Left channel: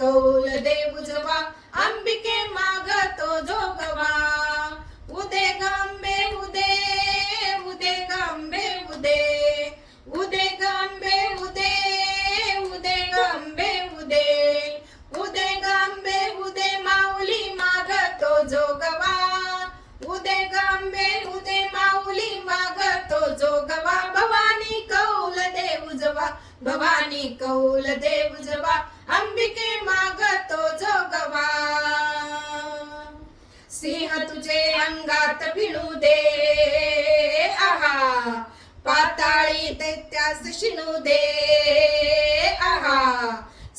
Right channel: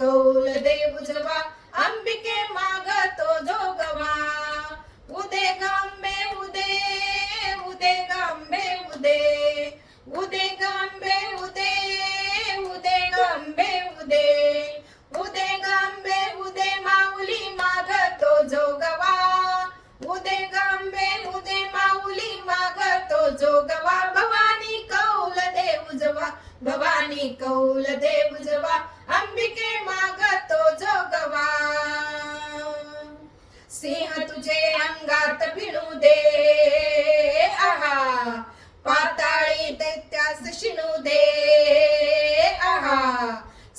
कौल देव जवा अंबिके मागतो जोगवा उदे गांबे उदे उदे गांबे उदे उदे गांबे उदे उदे गांबे उदे उदे गांबे उदे माऊली मागतो जोगवा उदे गांबे उदे माऊली मागतो जोगवा भवानी कौल देव जवा भवानी कौल देव जवा अंबिके मागतो जोगवा सिंह तुझे अंगात भिडू दे आहा पाताळी दैत्यास शिणू दे आहा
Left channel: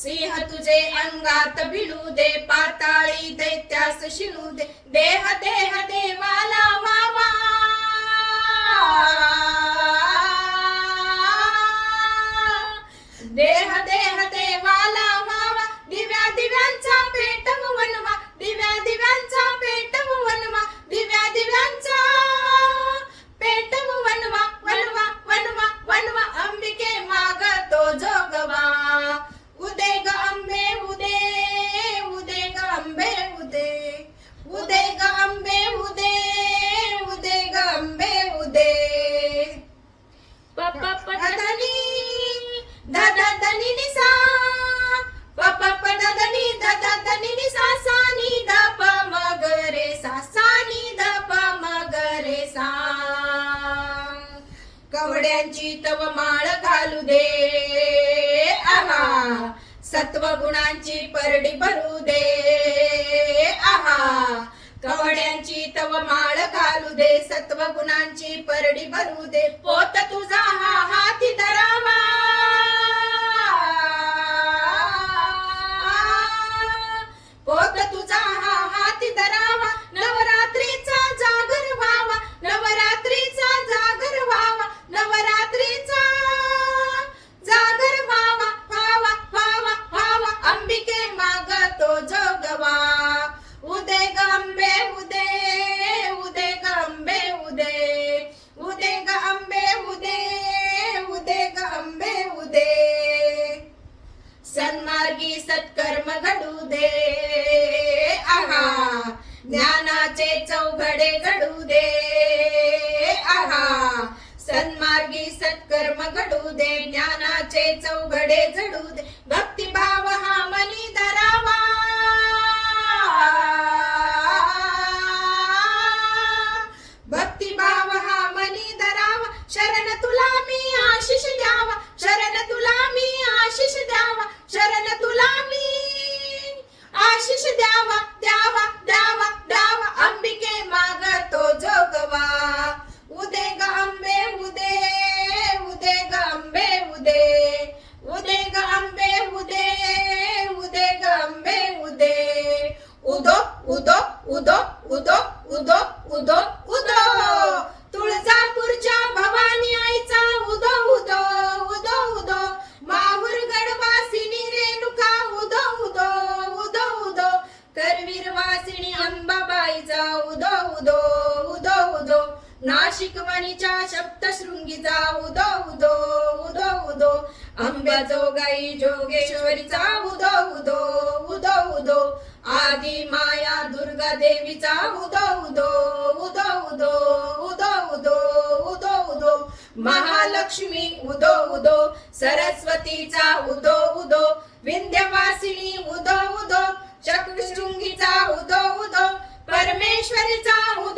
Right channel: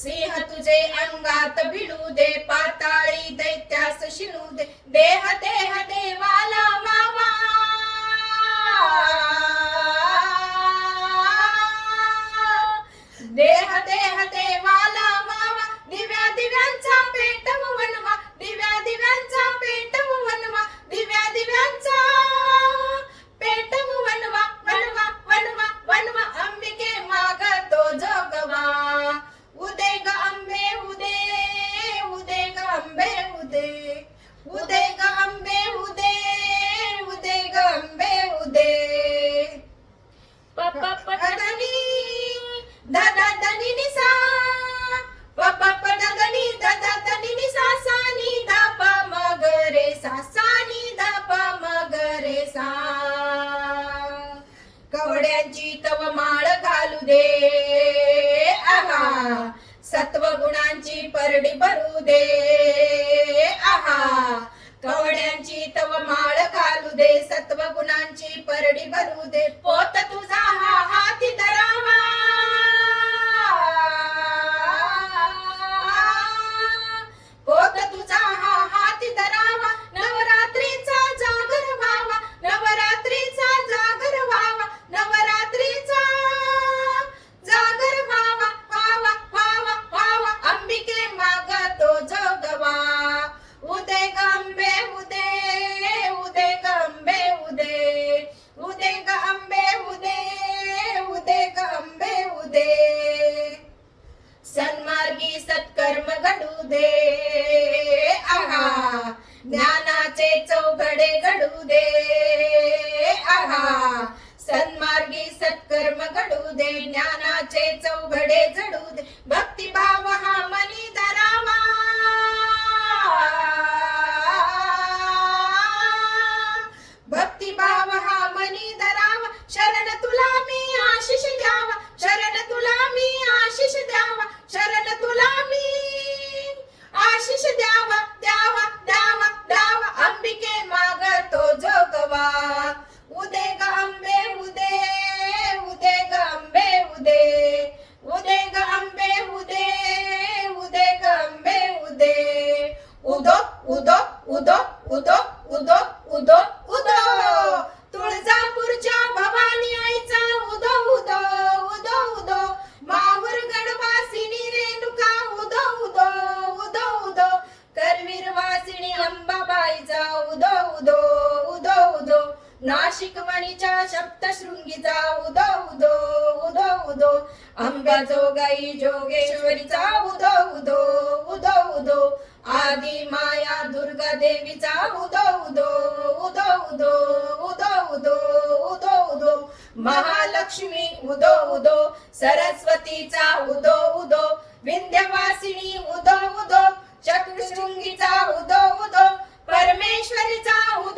सिंह तुझे अंगात भिडू दे पाताळी दैत्यास शिणू दे देह देह देवाला वावा देह देह देवाला वावा दिव्या दिव्यांचा पेटव वनवा दिव्या दिव्यांचा पेटव वनवा दिव्या दिव्यांचा पेटव वनवा वनवा वनवा वनवा अंबिके मागतो जोगवा उदे ग अंबे उदे उदे ग अंबे उदे उदे ग अंबे उदे उदे ग अंबे उदे पप्पा पदनी दादा दनी निसा पप्पा पदनी दादा दनी निसा सानी दा प मगरे सा सानी दा प मगरे सा कवड्यांची तव माळ घालू दे आहा सत्व गुणांची परडी भरू दे आहा कवड्यांची तव माळ घालू दे सत्व गुणांची परडी भरू दे पोत तुझा हा हाती धरावा पोत तुझा हा हाती धरावा नवरात्रीचा जागर व्हावा नवरात्रीचा जागर व्हावा नवरात्रीचा जागर व्हावा व्हावा व्हावा व्हावा अंबिके मागतो जोगवा उदे गंबे उदे उदे गंबे उदे उदे गंबे उदे उदे गंबे उदे सन्मार्गी सत्कर्म घडू दे आहा ज्ञानाचे चौघडे घडू दे आहा सन्मार्गी सत्कर्म घडू दे ज्ञानाचे चौघडे झडू दे भक्तिभाव हा मनी धरावा भक्तिभाव हा मनी धरावा शरण तुला मी आशिष द्यावा शरण तुला मी आशिष द्यावा शरण तुला मी आशिष द्यावा द्यावा द्यावा द्यावा अंबिके मागतो जोगवा उदे गांबे उदे उदे गांबे उदे उदे गांबे उदे उदे गांबे उदे उदो उदो उदो उदो उदो उदो उदो तुळजापूरच्या भवानी आईचा उदो उदो उदो उदो माहूर गडवासिनी रेणुका उदो उदो उदो उदो करवीर वासिनी अंबाबाईचा उदो उदो उदो उदो नाशिक वणीच्या सप्तशृंगीचा उदो उदो उदो उदो अंबाजोगाई जोगेश्वरीचा उदो उदो उदो उदो आदि माया दुर्गा देवीचा उदो उदो उदो उदो उदो उदो उदो उदो महालक्ष्मी उदो उदो सरस्वतीचा उदो उदो विंध्यवासिनी उदो उदो चक्रशृंगीचा उदो उदो परमेश्वरीचा उदो